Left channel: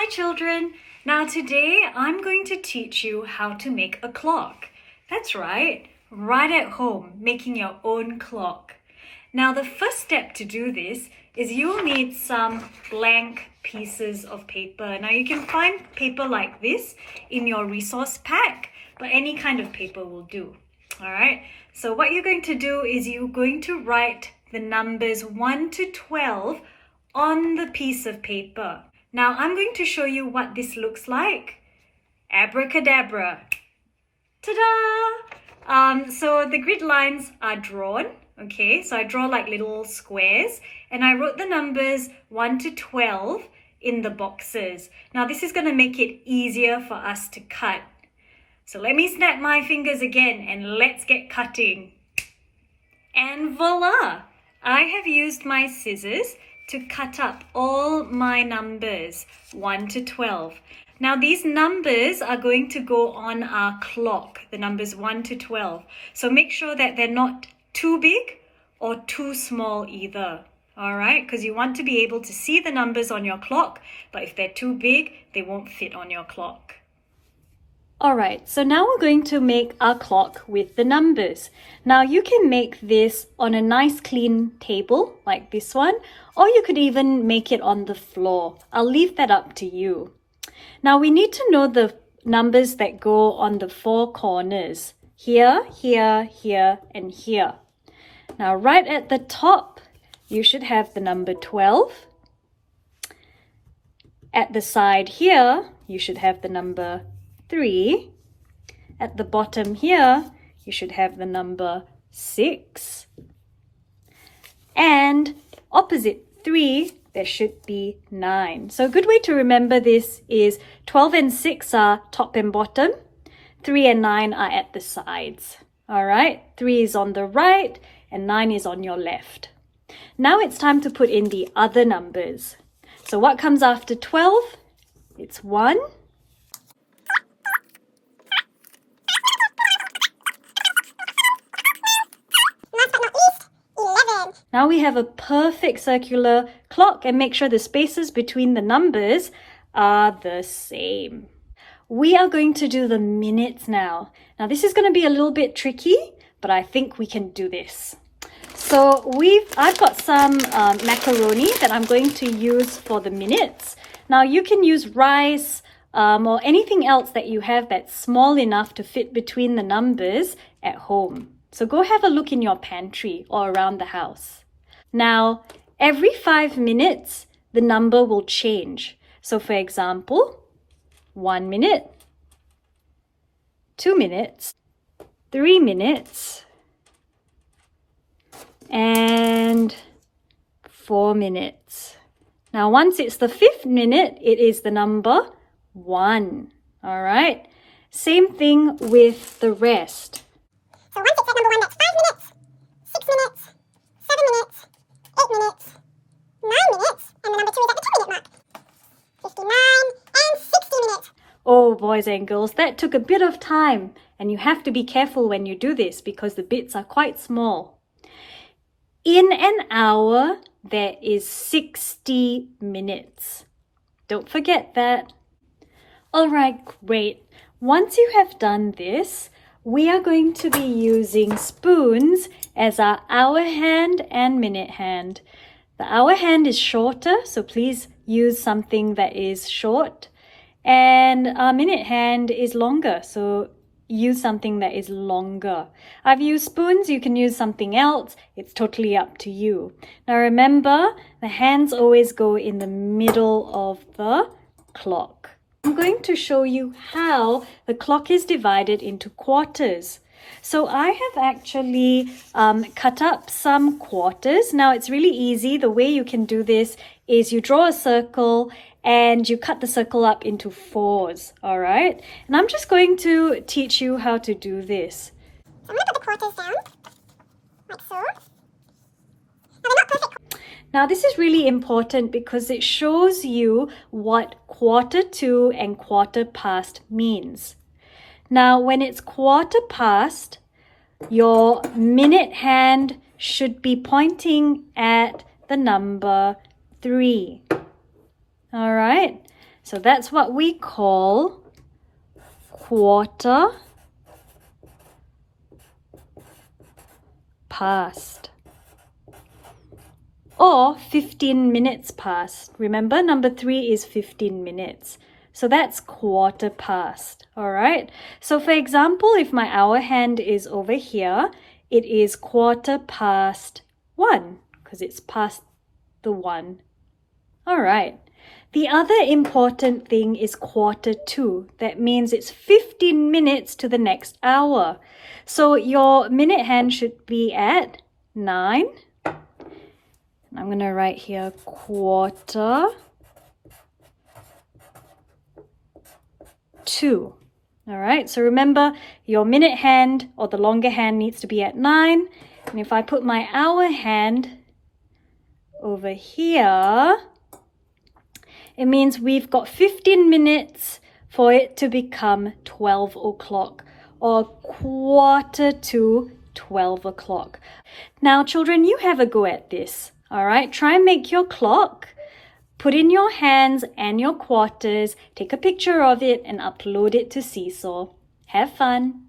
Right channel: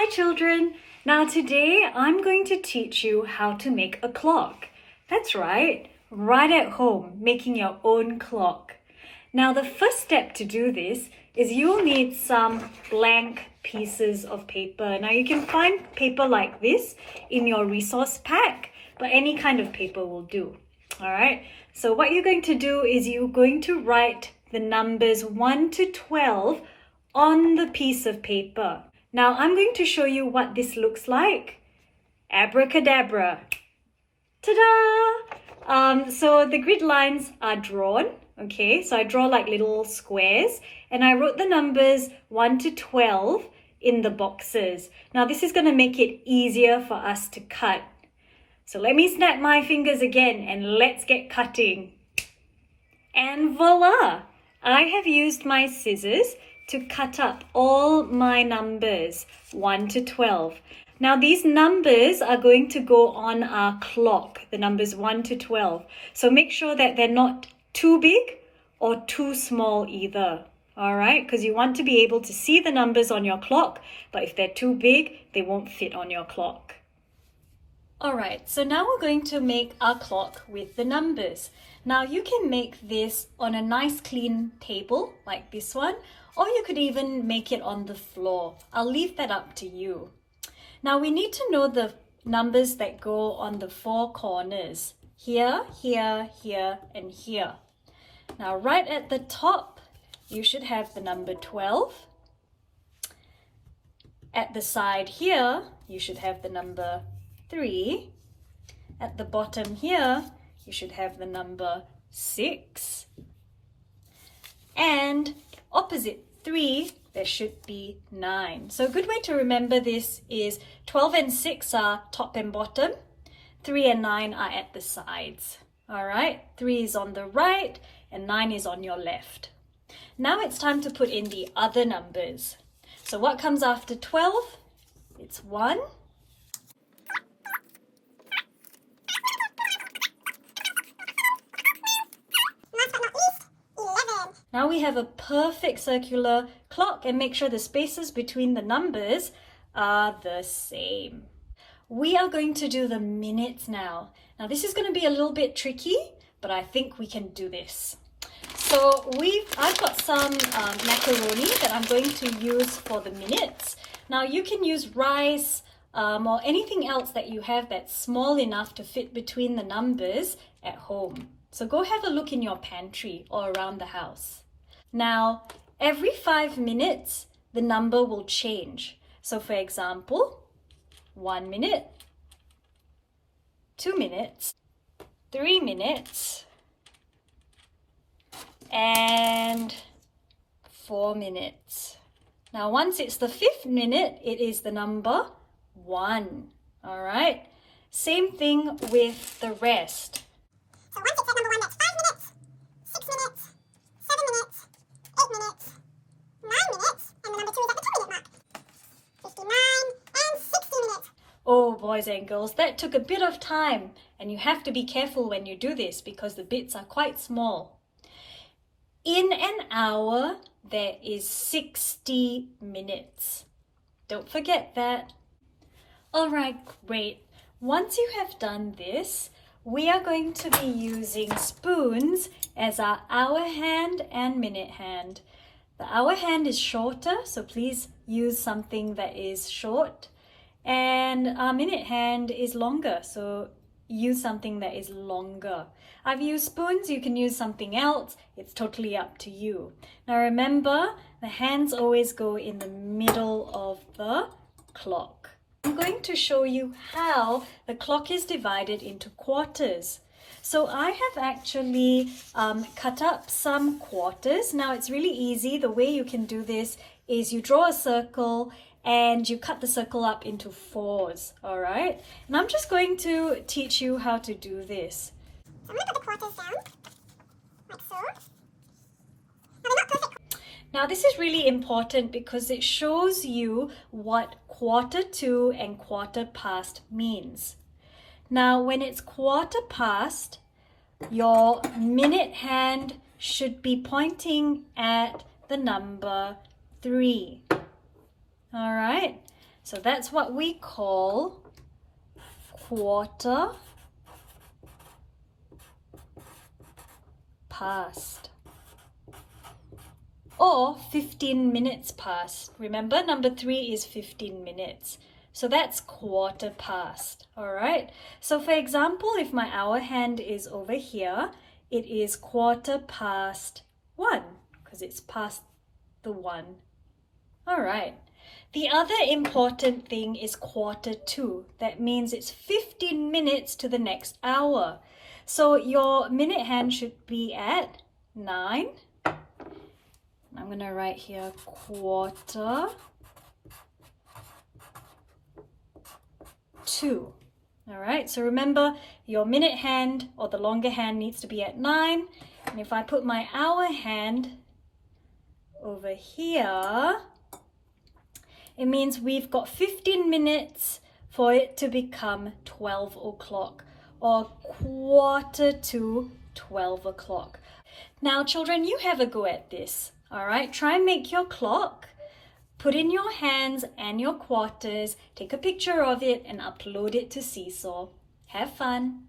Hi children! Now today I'm going to teach you how to make a clock. That's right at home, making your own clock. Now the first step to do this is you'll need some blank pieces of paper. Now you can find paper like this in your resource pack, but any kind of paper will do. Alright, so what you're going to do is you're going to write the numbers 1 to 12 on the piece of paper. Now I'm going to show you what this looks like. Abracadabra. Ta-da! So the grid lines are drawn. Okay, so I draw like little squares and I wrote the numbers 1 to 12 in the boxes. Now this is going to make it easier for us to cut. So let me snap my fingers again and let's get cutting. And voila! I have used my scissors to cut up all my numbers 1 to 12. Now these numbers are going to go on our clock, the numbers 1 to 12. So make sure that they're not too big or too small either. Alright, because you want to be able to see the numbers on your clock, but if they're too big, they won't fit on your clock. Alright, so now we're going to make our clock with the numbers. Now you can make this on a nice clean table like this one, or you could even make it on the floor. I'll leave that up to you. Now we need to know the numbers that go on the four corners. Here, here, here, and here. Now right at the top, you should have the number 12. At the side here, you should have the number 3. At the bottom here, you should have the number 6. And opposite 3, there should be 9. So a good way to remember this is 12 and 6 are top and bottom. 3 and 9 are at the sides. All right, 3 is on the right and 9 is on your left. Now it's time to put in the other numbers. So what comes after 12? It's 1. Now we have a perfect circular clock, and make sure the spaces between the numbers are the same. We are going to do the minutes now. Now this is going to be a little bit tricky, but I think we can do this. So I've got some macaroni that I'm going to use for the minutes. Now you can use rice or anything else that you have that's small enough to fit between the numbers at home. So go have a look in your pantry or around the house. Now, every 5 minutes, the number will change. So for example, 1 minute, 2 minutes, 3 minutes, and 4 minutes. Now, once it's the 5th minute, it is the number 1. All right? Same thing with the rest. So once it says number 1, that's 5 minutes, 6 minutes, 7 minutes, 8 minutes, 9 minutes, and the number 2 is at the 2 minute mark. 59 and 60 minutes. Oh, boys and girls, that took a bit of time, and you have to be careful when you do this because the bits are quite small. In an hour, there is 60 minutes. Don't forget that. All right, great. Once you have done this, we are going to be using spoons as our hour hand and minute hand. The hour hand is shorter, so please use something that is short. And our minute hand is longer, so use something that is longer. I've used spoons, you can use something else. It's totally up to you. Now remember, the hands always go in the middle of the clock. I'm going to show you how the clock is divided into quarters. So I have actually cut up some quarters. Now it's really easy. The way you can do this is you draw a circle and you cut the circle up into 4s, all right? And I'm just going to teach you how to do this. So I'm going to put the quarters down, like so. Now they're not perfect. Now this is really important because it shows you what quarter to and quarter past means. Now when it's quarter past, your minute hand should be pointing at the number 3. All right, So that's what we call quarter past. Or 15 minutes past. Remember, number 3 is 15 minutes. So that's quarter past, all right? So for example, if my hour hand is over here, it is quarter past 1 because it's past the 1. All right. The other important thing is quarter to. That means it's 15 minutes to the next hour. So your minute hand should be at 9. I'm going to write here quarter to. All right, so remember your minute hand or the longer hand needs to be at 9. And if I put my hour hand over here, it means we've got 15 minutes for it to become 12 o'clock or quarter to 12 o'clock. Now, children, you have a go at this. All right, try and make your clock. Put in your hands and your quarters, take a picture of it and upload it to Seesaw. Have fun.